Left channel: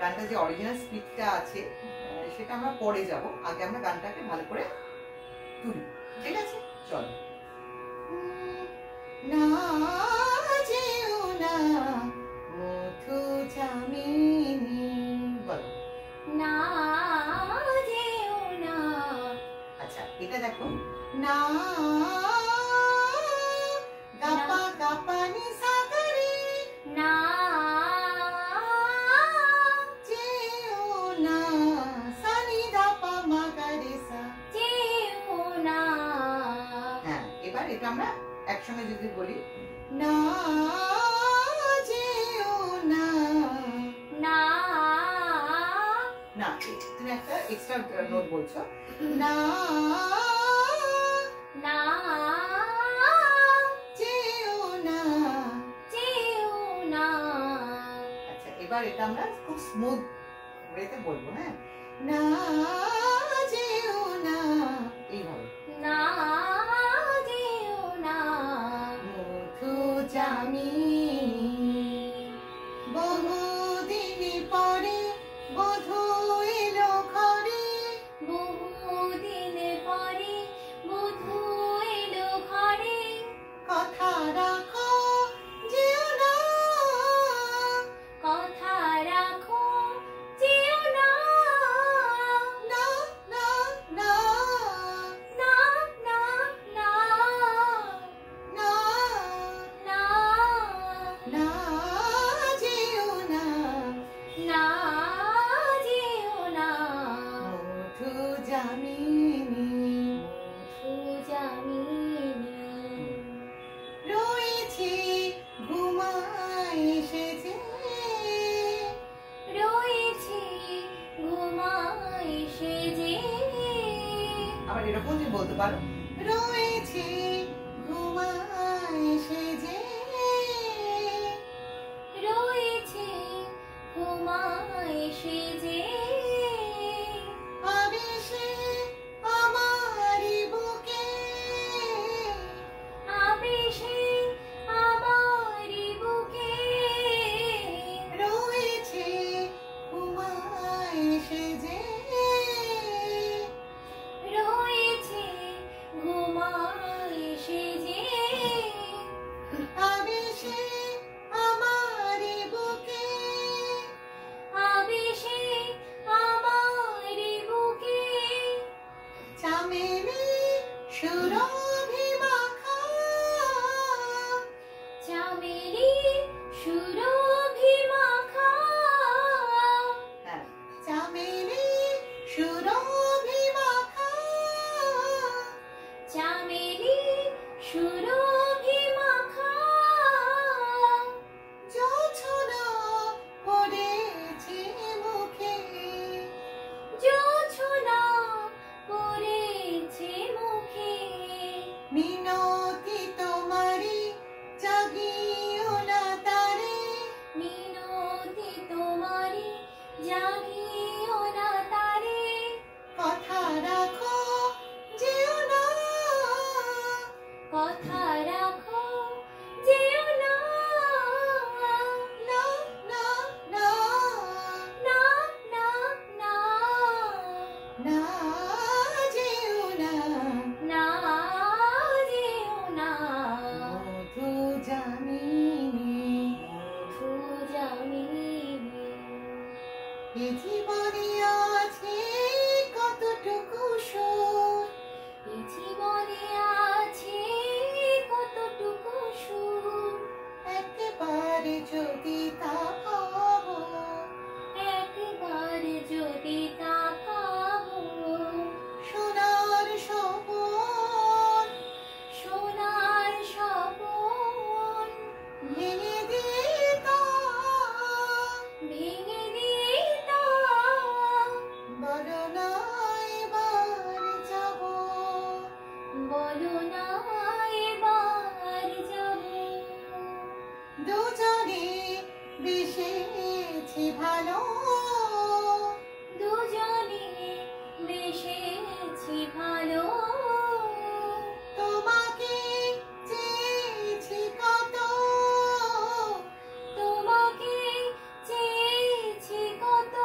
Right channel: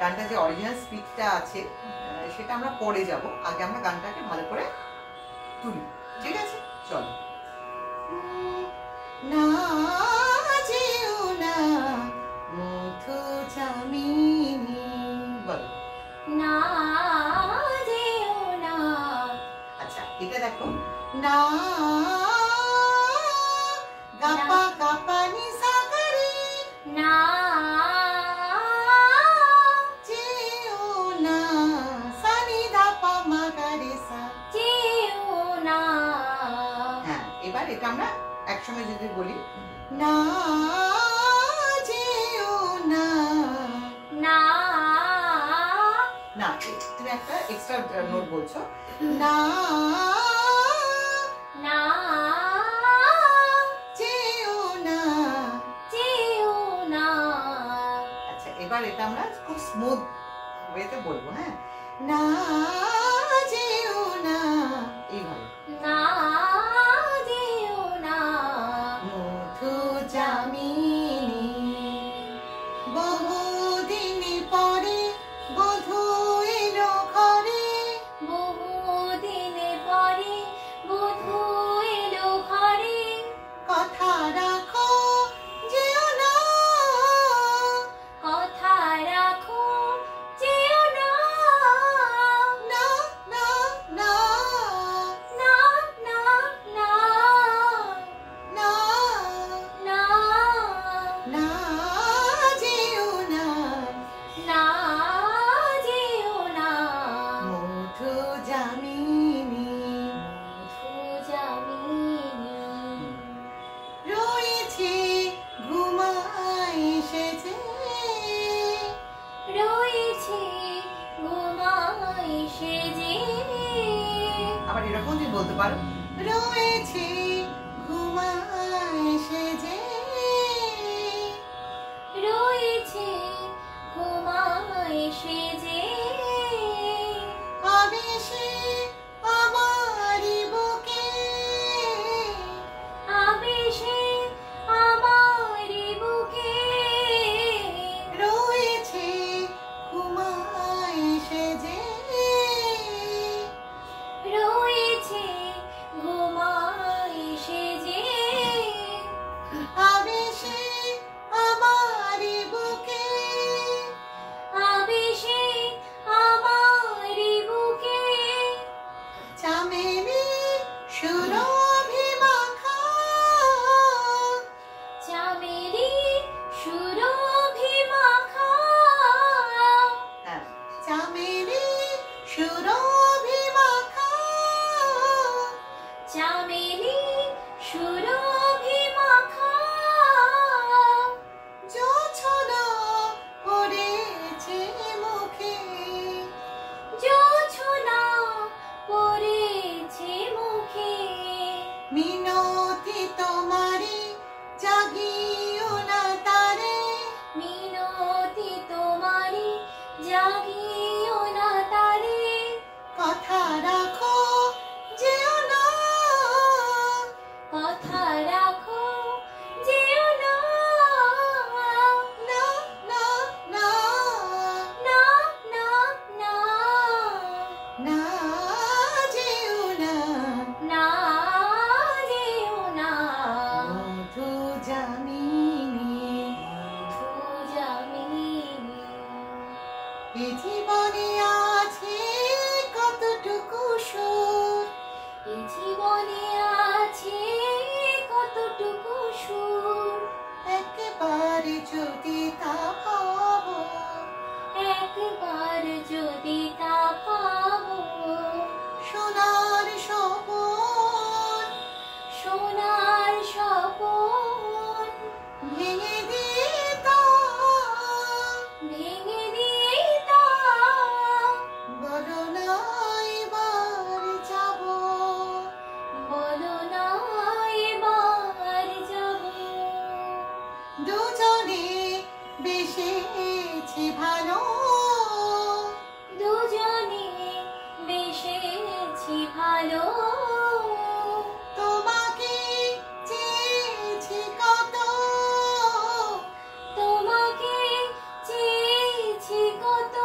গানটা যে অরিজিনাল স্পিডটা আছে সেটা আমরা পরে যাব, আগে আমরা গানটাকে ভালো করে তুলি, ঠিক আছে? চলো। না যেও না মধু জামিনী, বলো না যেও না। আচ্ছা এটা দেখো, না গাপা গাপা নি সাগরে, না যেও না সানি ধাপা মাগারে সা, যেও না। হ্যাঁ এবার এটা আমরা একসঙ্গে যদি বলি, না যেও না, না না তুমি একটা এক্সট্রা নোট বলছো, না না যেও না, যেও না। আচ্ছা এবার এটা আমরা খুব স্মুথ ওয়েতে বলবো, হ্যাঁ, না যেও না, এইভাবে, না যেও না মধু জামিনী, বহুদিন পরে বধূ এলো ঘরে, বহুদিন পরে বধূ এলো ঘরে, কথা রাখো যেও না, কথা রাখো যেও না। না না না না না না না না না যেও না, না যেও না মধু জামিনী, মধু জামিনী। রয়েছে ঘুমাই সেজে, রয়েছে ঘুমাই সেজে, আবার এরকম যে বলতে পারো, রয়েছে ঘুমাই সেজে, রয়েছে ঘুমাই সেজে, আবেশে আমারি বুকে, আবেশে আমারি বুকে, রয়েছে ঘুমাই সেজে, রয়েছে ঘুমাই সেজে, আবেশে আমারি বুকে, আবেশে আমারি বুকে, চামেলি সুরভি মাখা, চামেলি সুরভি মাখা, হ্যাঁ, চামেলি সুরভি মাখা, চামেলি সুরভি মাখা, জোছনা পড়েছে মুখে, জোছনা পড়েছে মুখে, মিনতি তোমারি জাগিও না তারে, মিনতি তোমারি জাগিও না তারে, কথা রাখো যেও না, কথা রাখো যেও না। না না না না না না না যেও না, না যেও না মধু জামিনী, মধু জামিনী। এ জীবনে আছে কতটুকু সুর, এ জীবনে আছে কতটুকু সুর, একবারে যদি তা পাবো, একবার যদি তা পাবো, সোনার স্বপন সোনার স্বপন ভেঙে দিতাম, ভেঙে দিতাম, বলো না এবার যাবো, বলো না এবার যাব, দুজনে বেসেছি ভালো, দুজনে বেসেছি ভালো, তোমাকে চেয়েছি কত, তোমাকে চেয়েছি কত,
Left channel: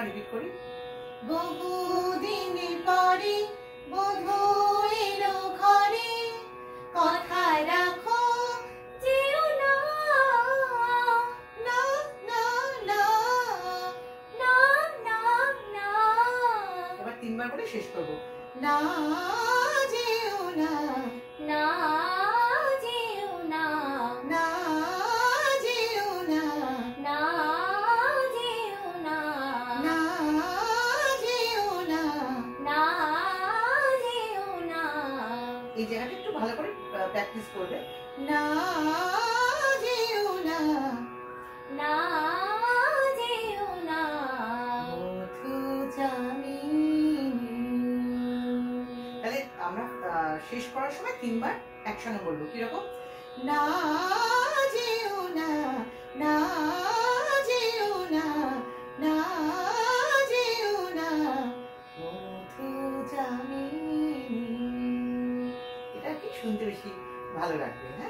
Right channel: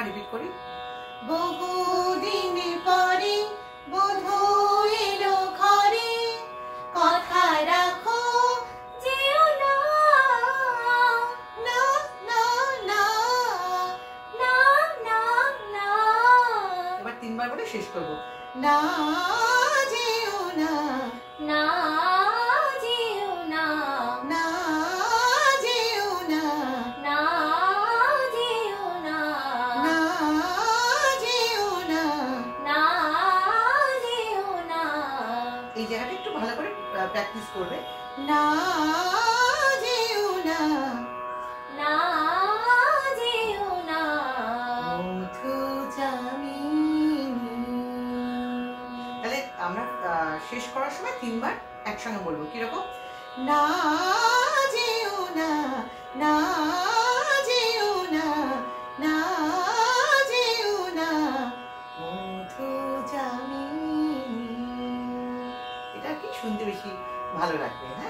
আরেকবার রিপিট করি। বহুদিন পরে বধূ এলো ঘরে, কথা রাখো যেও না, না না না। না না না। এবার 3 বার বলে শেষ করব। না যেও না, না যেও না, না যেও না, না যেও না, না যেও না। না যেও না। এই জায়গাটা একটু ভালো করে প্র্যাকটিস করবে। না যেও না, না যেও না। মধু জামিনী। তাহলে আমরা শেষ করার সময় 3 বার একসঙ্গে বলবো। কিরকম? না যেও না, না যেও না, না যেও না, মধু জামিনী। এটা কি শুনতে বেশি ভালো লাগবে। হ্যাঁ।